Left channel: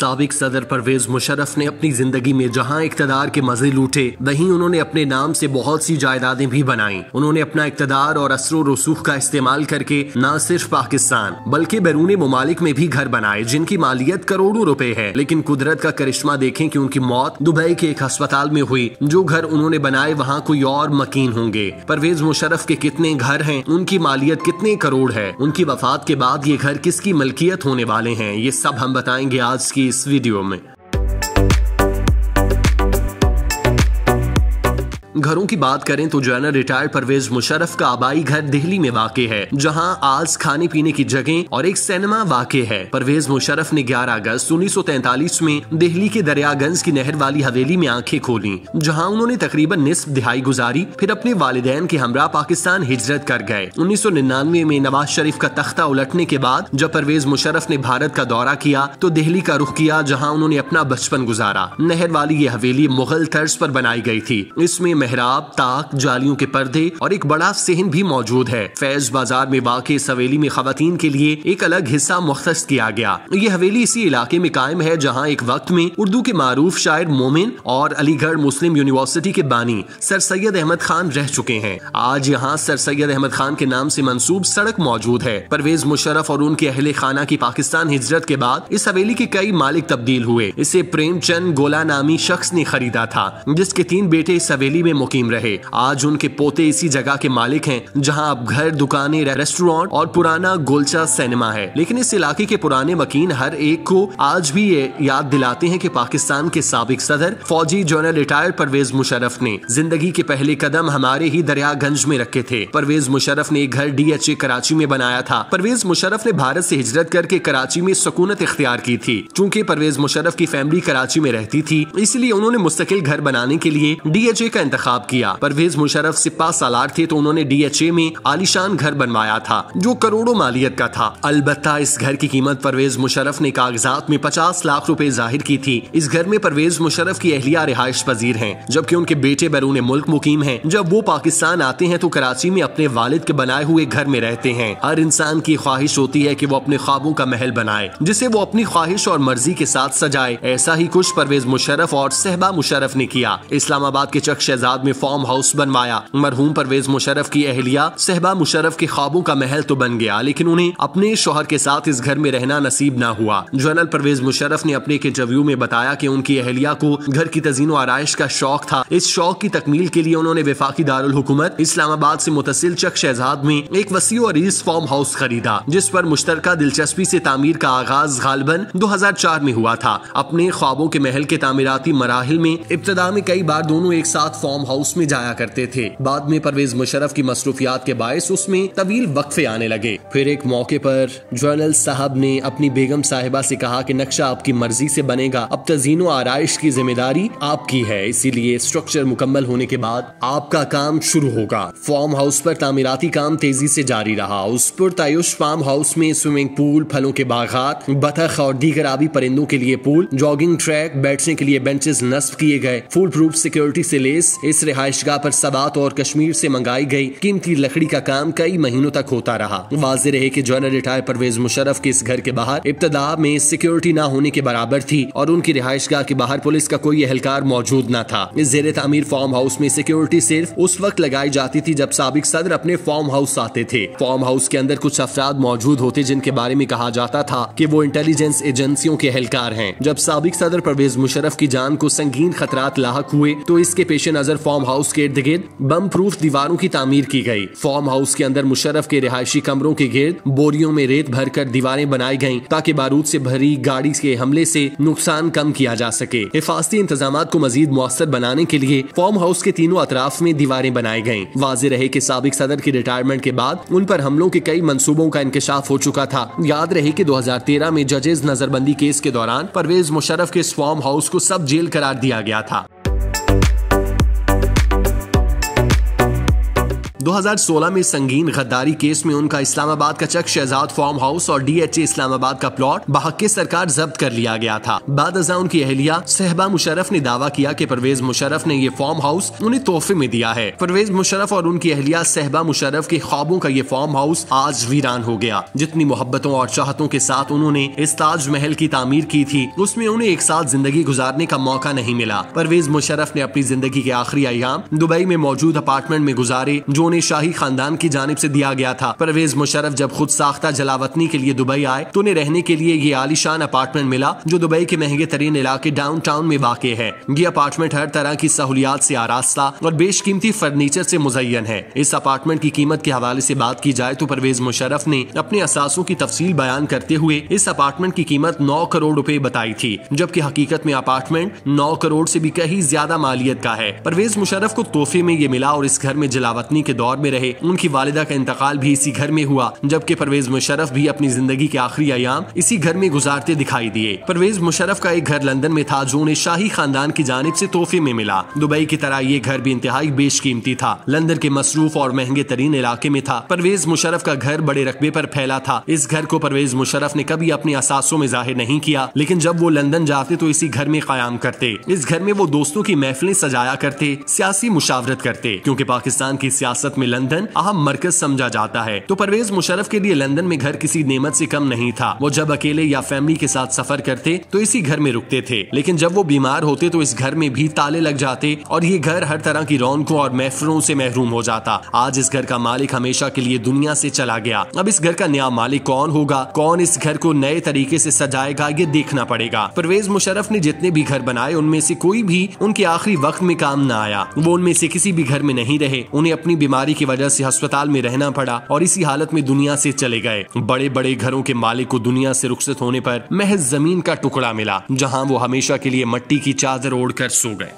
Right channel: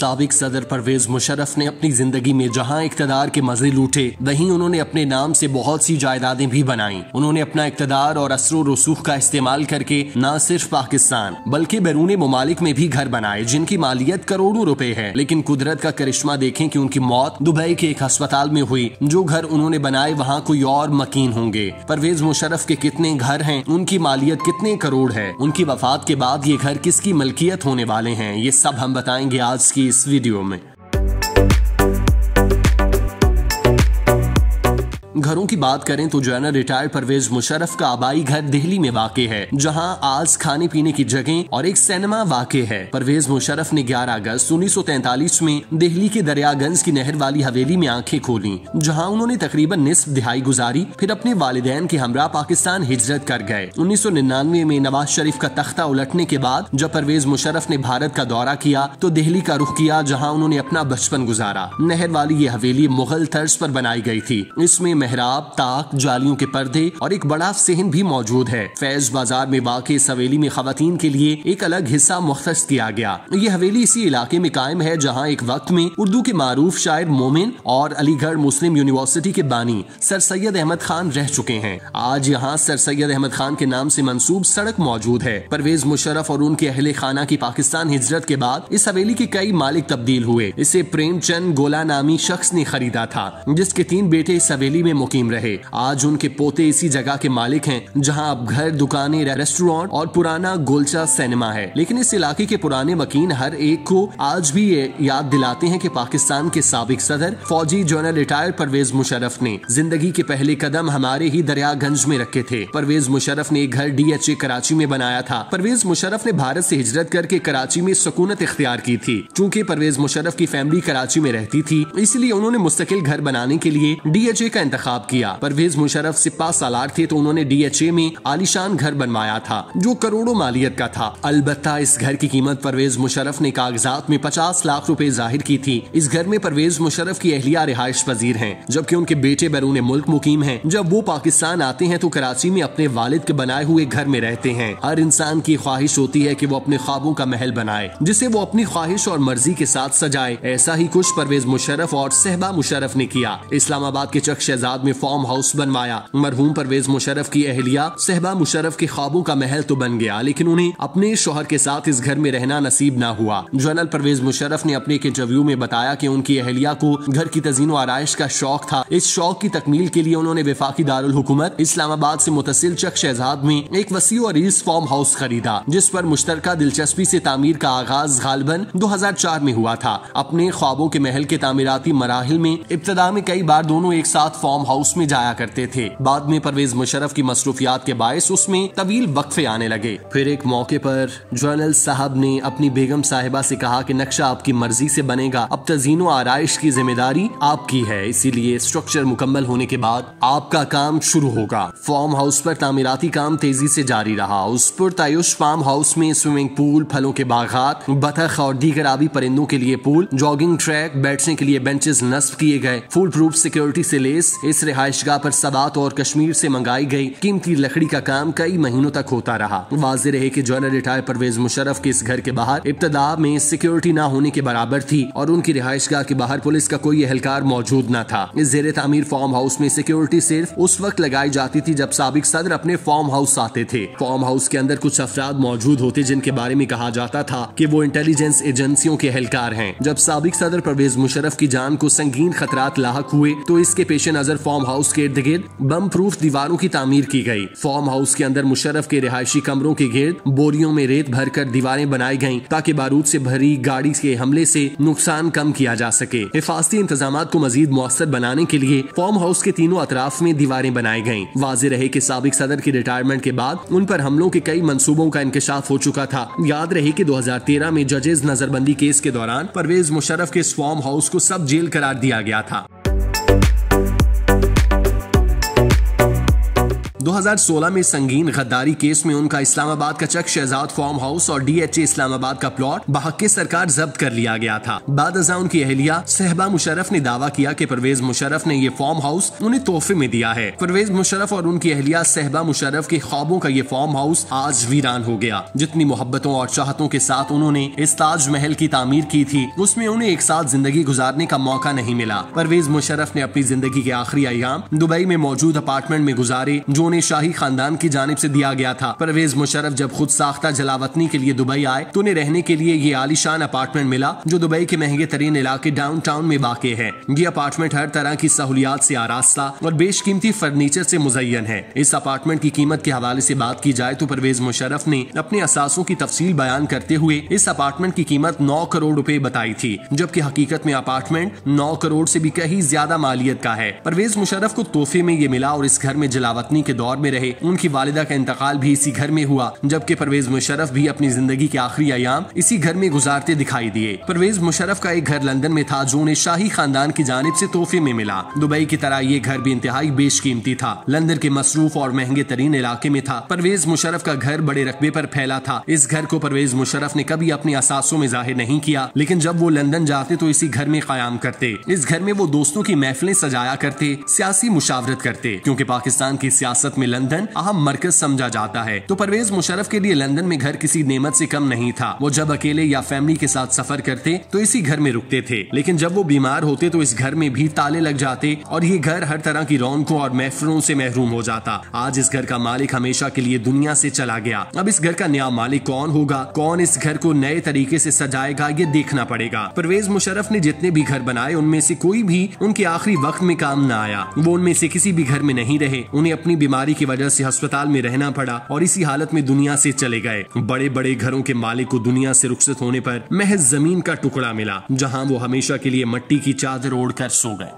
साबिक सदर परवेज मुशर्रफ ने अपनी जिंदगी में जहां इक्तदार के मजे लूटे, वहीं उन्होंने अपने नाम से बहुत सी जायदादें भी बनाई। उन्होंने अपना इक्तदार और असरो रसूख का इस्तेमाल करके न सिर्फ पाकिस्तान बल्कि बैरून मुमालिक में भी घर बनाए जिनकी मालियत करोड़ों रुपए है। लेकिन कुदरत का करिश्मा देखें कि उनकी मौत दुबई के एक अस्पताल में हुई। जो घर उन्होंने बनाए वहाँ कोई और मकीन होंगे। परवेज मुशर्रफ के कितने घर हैं, उनकी मालियत कितने करोड़ है, उनकी वफात के बाद ये घर किसकी मलकियत होने वाले हैं, ये सब हम बताएंगे आज की इस वीडियो में। घरों की बात करें तो जनरल रिटायर्ड परवेज मुशर्रफ का आबाई घर दिल्ली में वाक़ है, जहां आज खाने पीने की जगह और एक सिनेमा वाक़ है। परवेज मुशर्रफ ने 11 अगस्त 1943 में दिल्ली के दरियागंज की नहर वाली हवेली में आंखें खोली, जहां उन्होंने तकरीबन निस्फ दिहाई गुजारी। फिर अपने वालिदैन के हमरा पाकिस्तान हिजरत कर गए। 1999 में नवाज शरीफ का तख्ता उलटने के बाद जब परवेज मुशर्रफ ने भारत का दौरा किया तो दिल्ली का रुख किया, जहाँ उन्होंने अपना बचपन गुजारा। नहर वाली ये हवेली मुगल तर्ज पर बनाई गई थी। इसमें मेहराब, ताक, जालियों के पर्दे और एक बड़ा सेहन भी मौजूद है। फैज बाजार में वाक़ इस हवेली में खवातीन के लिए एक अलग हिस्सा मुख्तस किया गया। ये हवेली इसी इलाके में कायम है जहाँ एक वक्त में उर्दू के मारूफ शायर मोमिन और अलीगढ़ मुस्लिम यूनिवर्सिटी के बानी सर सैयद अहमद खान रह चुके हैं। आज यहाँ सर सैयद अहमद खान के नाम से मंसूब सड़क मौजूद है। परवेज मुशर्रफ और उनके अहले खाना की पाकिस्तान हिजरत के बाद इस हवेली के कई मालिक तब्दील हुए। इसे प्रेमचंद गोला नामी शख्स ने खरीदा था, जिसके 3 बेटे इस हवेली में मुकीम रहे। आज उनके पोते इसी जगह के मालिक हैं, जहां अब घर, दुकानें, रेस्टोरेंट और पुराना गोलचा सिनेमा है। लेकिन इस इलाके के पुराने मकीन हर एक को आज भी ये याद दिलाते हैं कि पाकिस्तान के साबिक सदर फौजी जनरल रिटायर्ड परवेज मुशर्रफ ने जिंदगी के पहले कदम हमारे ही दरियागंज में रखे थे। परवेज मुशर्रफ ने एक घर DHA कराची में बनाया था। परवेज मुशर्रफ ने भारत से हिजरत करके कराची में सुकूनत इख्तियार की थी। चूँकि परवेज मुशर्रफ की फैमिली कराची में रहती थी, इसलिए उन्होंने मुस्तकिल घर बनाने के लिए DHA का इंतखाब किया। परवेज मुशर्रफ सिपा सालार थे तो उन्होंने DHA में आलीशान घर बनवाया था जो करोड़ों मालियत का था। अलबत्ता इस घर की कीमत परवेज मुशर्रफ ने कागजात में 50 लाख रुपए जाहिर की थी। इस घर में परवेज मुशर्रफ की अहलिया रिहाइश पजीर हैं, जबकि उनके बेटे बैरून मुल्क मुकीम हैं। जब वो पाकिस्तान आते हैं तो कराची में अपने वालिद के बनाए हुए घर में रहते हैं। हर इंसान की ख्वाहिश होती है कि वो अपने ख्वाबों का महल बनाए, जिसे वो अपनी ख्वाहिश और मर्जी के साथ सजाए। ऐसा ही कुछ परवेज मुशर्रफ और सहबा मुशर्रफ ने किया। इस्लामाबाद के चक शहजाद में फार्म हाउस बनवाया। मरहूम परवेज मुशर्रफ की अहलिया सहबा मुशर्रफ के ख्वाबों का महल तो बन गया, लेकिन उन्हें अपने शौहर के साथ इस घर में रहना नसीब न हुआ। जनरल परवेज मुशर्रफ ने अपने एक इंटरव्यू में बताया कि उनकी अहलिया को घर की तज़ीनो आराइश का शौक था। इस शौक की तकमील के लिए उन्होंने वफाकी दारुल हुकूमत इस्लामाबाद से मुतसिल चक शहजाद में एक वसी और अरीज फार्म हाउस खरीदा, जिस पर मुश्तरका दिलचस्पी से तामीर का आगाज गालिबन 2004 में हुआ था। अपने ख्वाबों के महल के तामीराती मराहिल में इब्तदा में कई बार दोनों एक साथ फार्म हाउस में जाया करते थे। बाद में परवेज मुशर्रफ की मसरूफियात के बायस उसमें तवील वक्फे आने लगे। फिर एक मौके पर जनरल साहब ने अपनी बेगम साहिबा से कहा कि नक्शा आपकी मर्जी से बनेगा, अब तज़ीनो आराइश की जिम्मेदारी आपकी है, इसीलिए स्ट्रक्चर मुकम्मल होने के बाद आपका काम शुरू होगा। फार्म हाउस पर तामीराती काम तेजी से जारी रहा। उस पुरतायुश फार्म हाउस में स्विमिंग पूल, फलों के बागात, बतख और दीगर आबी परिंदों के लिए पूल, जॉगिंग ट्रैक, बैठने के लिए बेंचेस नस्ब किए गए। फुल प्रूफ सिक्योरिटी से लेस इस रिहाइशगाह पर सबात और कश्मीर से मंगाई गई कीमती लकड़ी का काम कई महीनों तक होता रहा। वाज़ेह रहे कि जनरल रिटायर्ड परवेज मुशर्रफ के इस घर के बाहर इब्तदा में सिक्योरिटी न होने के बराबर थी और उनकी रिहाइशगाह के बाहर पुलिस का कोई एहलकार मौजूद न था। इस ज़ेरे तामीर फार्म हाउस में सिक्योरिटी सिर्फ उस वक्त लगाई जाती थी जब साबिक सदर अपने फार्म हाउस आते थे। फार्म हाउस के अंदर कुछ अफराद मौजूद होते जिनके बारे में कहा जाता था कि वो इंटेलिजेंस एजेंसियों के एहलकार हैं। जब साबिक सदर परवेज मुशर्रफ की जान को संगीन खतरात लाहक हुए तो इसके पेश नजर फार्म हाउस के इर्द गिर्द बम प्रूफ दीवारों की तामीर की गई। फार्म हाउस के अंदर मुशर्रफ के रिहायशी कमरों के गिर्द बोरियों में रेत भरकर दीवारें बनाई गईं ताकि बारूद से भरी गाड़ी के हमले से नुकसान कम किया जा सके। हिफाजती इंतजाम को मजीद मुअस्सर बनाने के लिए फार्म हाउस के तीनों अतराफ में दीवारें बनाई गईं। वाज़ेह रहे कि साबिक सदर की रिटायरमेंट के बाद उन पर हमलों के कई मंसूबों का इंकशाफ हो चुका था। याद रहे कि 2013 में जजेज नजरबंदी केस के दौरान परवेज मुशर्रफ के इस फार्म हाउस को सब जेल करार दिया गया था। 2016 में संगीन गद्दारी केस में उनका इस्लामाबाद का चक शहजाद फार्म हाउस और DHA इस्लामाबाद का प्लॉट बहक सरकार जब्त कर लिया गया था। बाद अज़ां उनकी अहलिया सहबा मुशर्रफ ने दावा किया कि परवेज मुशर्रफ ने ये फार्म हाउस उन्हें तोहफे में दिया है। परवेज मुशर्रफ और उनकी अहलिया सहबा मुशर्रफ के ख्वाबों का ये फार्म हाउस आज वीरान हो गया। जितनी मोहब्बतों और चाहतों के साथ उन्होंने इस ताजमहल की तामीर की थी, उसमें उन्हें एक साथ जिंदगी गुजारने का मौका नहीं मिला। परवेज मुशर्रफ ने अपनी जिंदगी के आखिरी अयाम दुबई में मौजूद अपार्टमेंट में गुजारे जो उन्हें शाही खानदान की जानिब से दिया गया था। परवेज मुशर्रफ जब खुद साख्ता जलावतनी के लिए दुबई आए तो उन्हें रहने के लिए ये आलीशान अपार्टमेंट मिला जो दुबई के महंगे तरीन इलाके डाउनटाउन में वाक़ है। ये अपार्टमेंट हर तरह की सहूलियात से आरास्ता और बेशकीमती फर्नीचर से मुज़य्यन है। इस अपार्टमेंट की कीमत के हवाले से बात की जाए तो परवेज मुशर्रफ ने अपने असासों की तफसील बयान करते हुए इस अपार्टमेंट की कीमत 9 करोड़ रुपए बताई थी, जबकि हकीकत में अपार्टमेंट 9 करोड़ से भी कहीं ज्यादा मालियत का है। परवेज मुशर्रफ को तोहफे में ये मिला और इस घर में जलावतनी के दौर में रहे। उनकी वालिदा का इंतकाल भी इसी घर में हुआ, जबकि परवेज मुशर्रफ भी अपनी जिंदगी के आखिरी अयाम इसी घर में गुजारते दिखाई दिए। परवेज मुशर्रफ का एक घर लंदन में था जो उन्हें शाही खानदान की जानिब से तोहफे में मिला। दुबई की तरह ये घर भी इंतहाई बेशकीमती था, लंदन के मसरूफ और महंगे तरीन इलाके में था। परवेज मुशर्रफ का घर बड़े रकबे पर फैला था। इस घर को परवेज मुशर्रफ ने कभी अपने असासों में जाहिर नहीं किया, लेकिन जब वो लंदन जाते तो इसी घर में कयाम करते। इस घर में वो दोस्तों की महफिलें सजाया करते, सियासी मुशावरत करते, क्योंकि पाकिस्तान की सियासत में लंदन अहम मरकज समझा जाता है। तो परवेज मुशर्रफ के लिए लंदन में घर किसी नेमत से कम नहीं था। वो जब अकेले या फैमिली के साथ सफर करते तो इसी घर में रुकते थे, लेकिन जब वो बीमार होते तो इस घर में भी ताले लग जाते और ये घर हर तरह की रौनकों और महफिलों से महरूम हो जाता। आज इस घर का मालिक हमेशा के लिए दुनिया से चला गया। अब इस घर का नया मालिक कौन होगा, कौन इस घर को नए तरीके से सजाएगा, ये देखना पड़ेगा। परवेज मुशर्रफ ने जितने भी घर बनाए उनमें से कोई भी उनके आखिरी वक्त में काम न आया। वो उनमें से किसी भी घर में नहीं रहे। उन्हें अपनी बीमारी की वजह से अस्पताल में रहना पड़ा और इसी हालत में दुनिया से चले गए। बड़े बड़े घरों के मालिक को दुनिया से रुखसत होने पर महज जमीन का टुकड़ा मिला, जहाँ वो हमेशा के लिए मट्टी की चादर ओढ़कर सो गए।